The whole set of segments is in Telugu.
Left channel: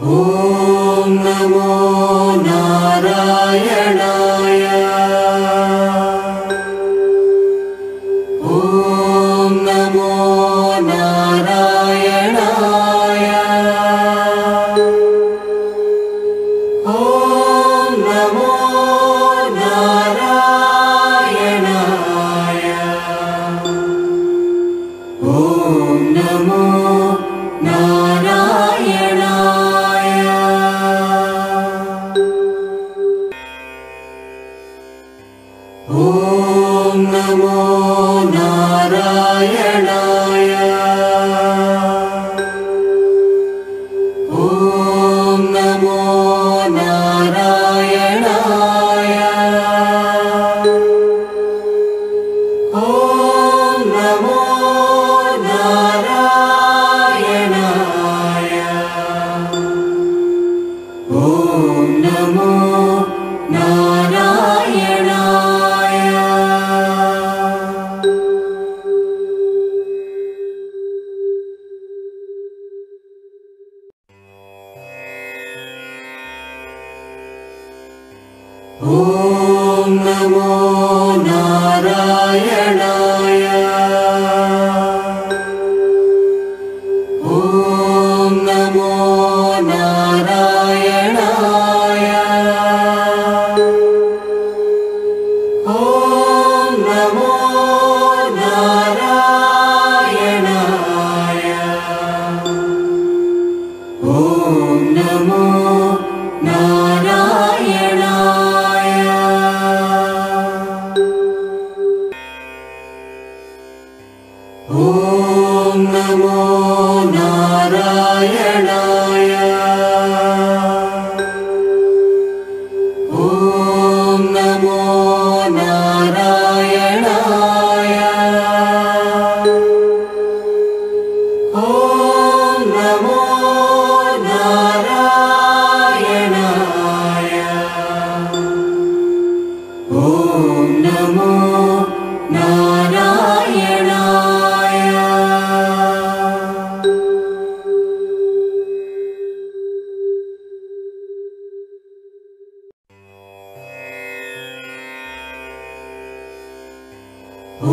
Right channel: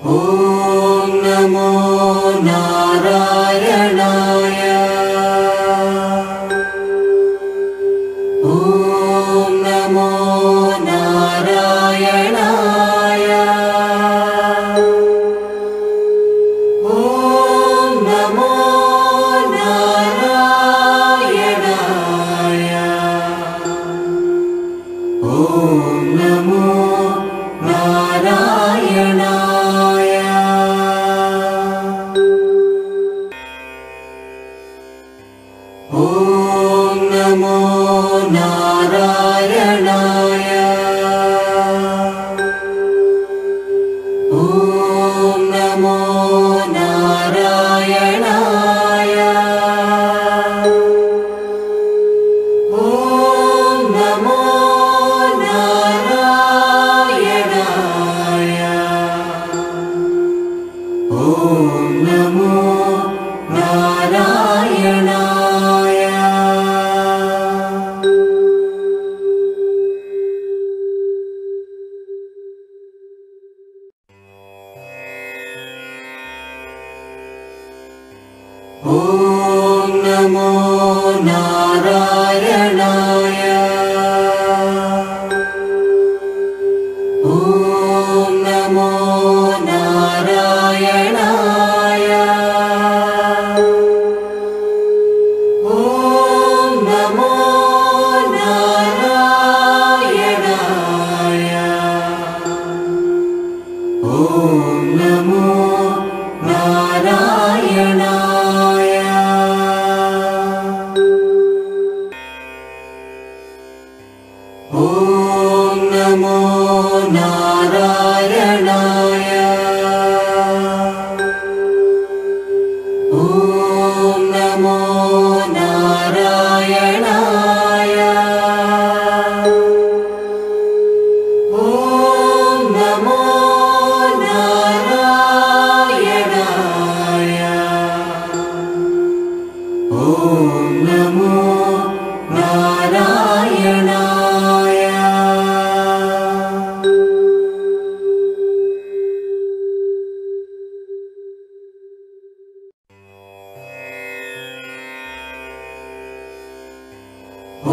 ఓం నమో నారాయణాయ. ఓం నమో నారాయణాయ. ఓం నమో నారాయణాయ. ఓం నమో నారాయణాయ. ఓం నమో నారాయణాయ. ఓం నమో నారాయణాయ. ఓం నమో నారాయణాయ. ఓం నమో నారాయణాయ. ఓం నమో నారాయణాయ. ఓం నమో నారాయణాయ. ఓం నమో నారాయణాయ. ఓం నమో నారాయణాయ. ఓం నమో నారాయణాయ. ఓం నమో నారాయణాయ. ఓం నమో నారాయణాయ. ఓం నమో నారాయణాయ.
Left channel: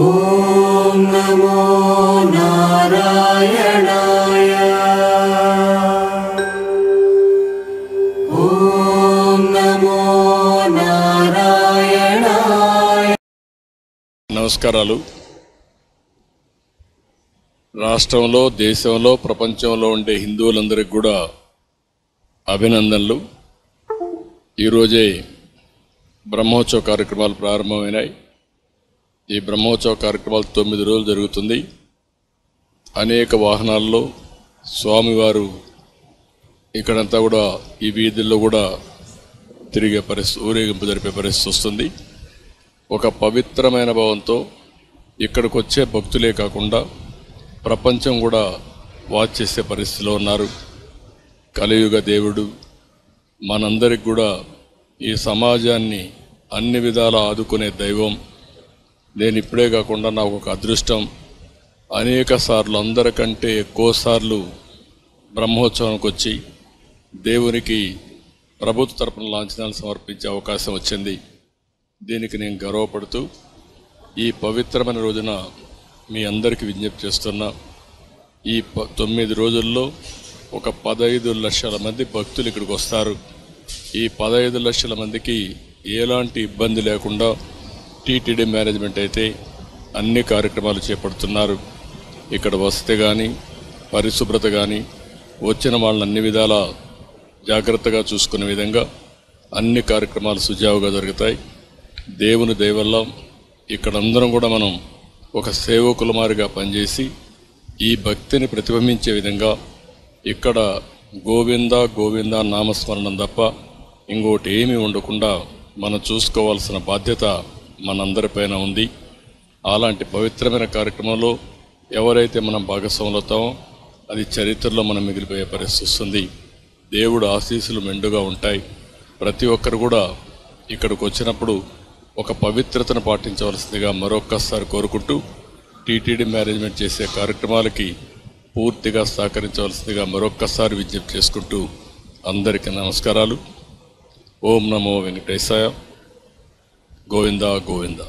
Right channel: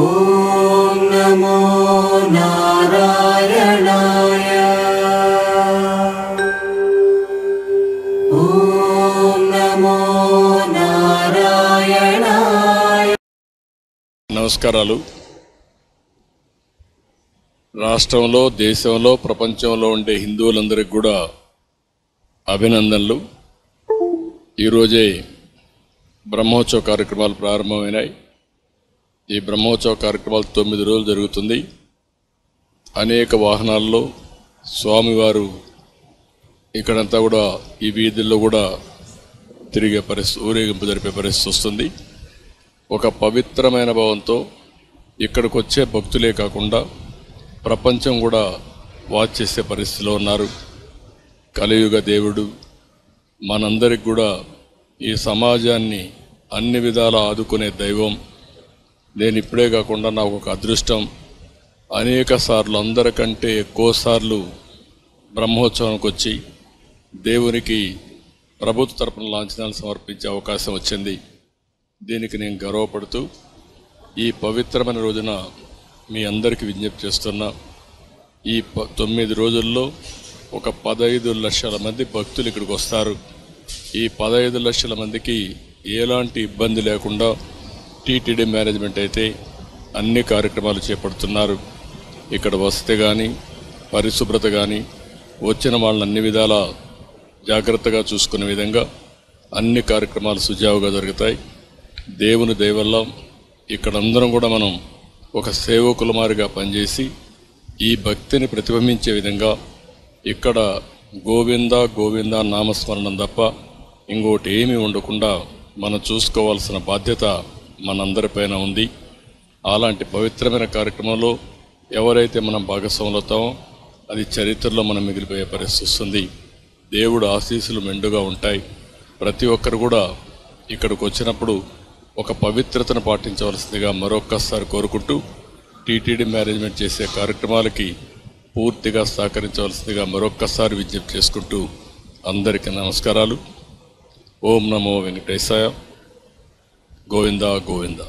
ఓం నమో నారాయణాయ. ఓం నమో నారాయణాయ. నమస్కారాలు. రాష్ట్రంలో, దేశంలో, ప్రపంచంలో ఉండే హిందువులందరికీ కూడా అభినందనలు. ఈరోజే బ్రహ్మోత్సవ కార్యక్రమాలు ప్రారంభమైనాయి. ఈ బ్రహ్మోత్సవ కార్యక్రమాలు 9 రోజులు జరుగుతుంది. అనేక వాహనాల్లో స్వామివారు ఇక్కడంతా కూడా ఈ వీధుల్లో కూడా తిరిగే పరిస్థితి, ఊరేగింపు జరిపే పరిస్థితి వస్తుంది. ఒక పవిత్రమైన భావంతో ఇక్కడికి వచ్చే భక్తులే కాకుండా ప్రపంచం కూడా వాచ్ చేసే పరిస్థితిలో ఉన్నారు. కలియుగ దేవుడు మనందరికి కూడా ఈ సమాజాన్ని అన్ని విధాలా ఆదుకునే దైవం. నేను ఇప్పుడే కాకుండా నాకు ఒక అదృష్టం, అనేక సార్లు, అందరికంటే ఎక్కువ సార్లు బ్రహ్మోత్సవానికి వచ్చి దేవునికి ప్రభుత్వ తరపున లాంఛనాలు సమర్పించే అవకాశం వచ్చింది. దీనికి నేను గర్వపడుతూ ఈ పవిత్రమైన రోజున మీ అందరికీ విజ్ఞప్తి చేస్తున్నా. ఈ 9 రోజుల్లో ఒక 15 లక్షల మంది భక్తులు ఇక్కడికి వస్తారు. ఈ 15 లక్షల మందికి ఎలాంటి ఇబ్బంది లేకుండా టీటీడీ మేనేజ్మెంట్ అయితే అన్ని కార్యక్రమాలు చేపడుతున్నారు. ఇక్కడ వసతి కానీ, పరిశుభ్రత కానీ, వచ్చిన వాళ్ళని అన్ని విధాలా జాగ్రత్తగా చూసుకునే విధంగా అన్ని కార్యక్రమాలు సుజావుగా జరుగుతాయి. దేవుని దయ వల్ల ఇక్కడందరం కూడా మనం ఒక సేవకుల మారిగా పనిచేసి ఈ భక్తిని ప్రతిబింబించే విధంగా ఇక్కడ గోవింద గోవింద నామస్మరణం తప్ప ఇంకోటి ఏమీ ఉండకుండా మనం చూసుకోవాల్సిన బాధ్యత మనందరిపైన ఉంది. అలాంటి పవిత్రమైన కార్యక్రమంలో ఎవరైతే మనం భాగస్వాములు అవుతామో అది చరిత్రలో మనం మిగిలిపోయే పరిస్థితి వస్తుంది. దేవుడు ఆశీస్సులు మెండుగా ఉంటాయి. ప్రతి ఒక్కరు కూడా ఇక్కడికి వచ్చినప్పుడు ఒక పవిత్రతను పాటించవలసిందిగా మరొక్కసారి కోరుకుంటూ టీటీడీ మేనేజ్మెంట్ చేసే కార్యక్రమాలకి పూర్తిగా సహకరించవలసిందిగా మరొక్కసారి విజ్ఞప్తి చేసుకుంటూ అందరికీ నమస్కారాలు. ఓం నమో వెంకటేశాయ. గోవిందా గోవిందా.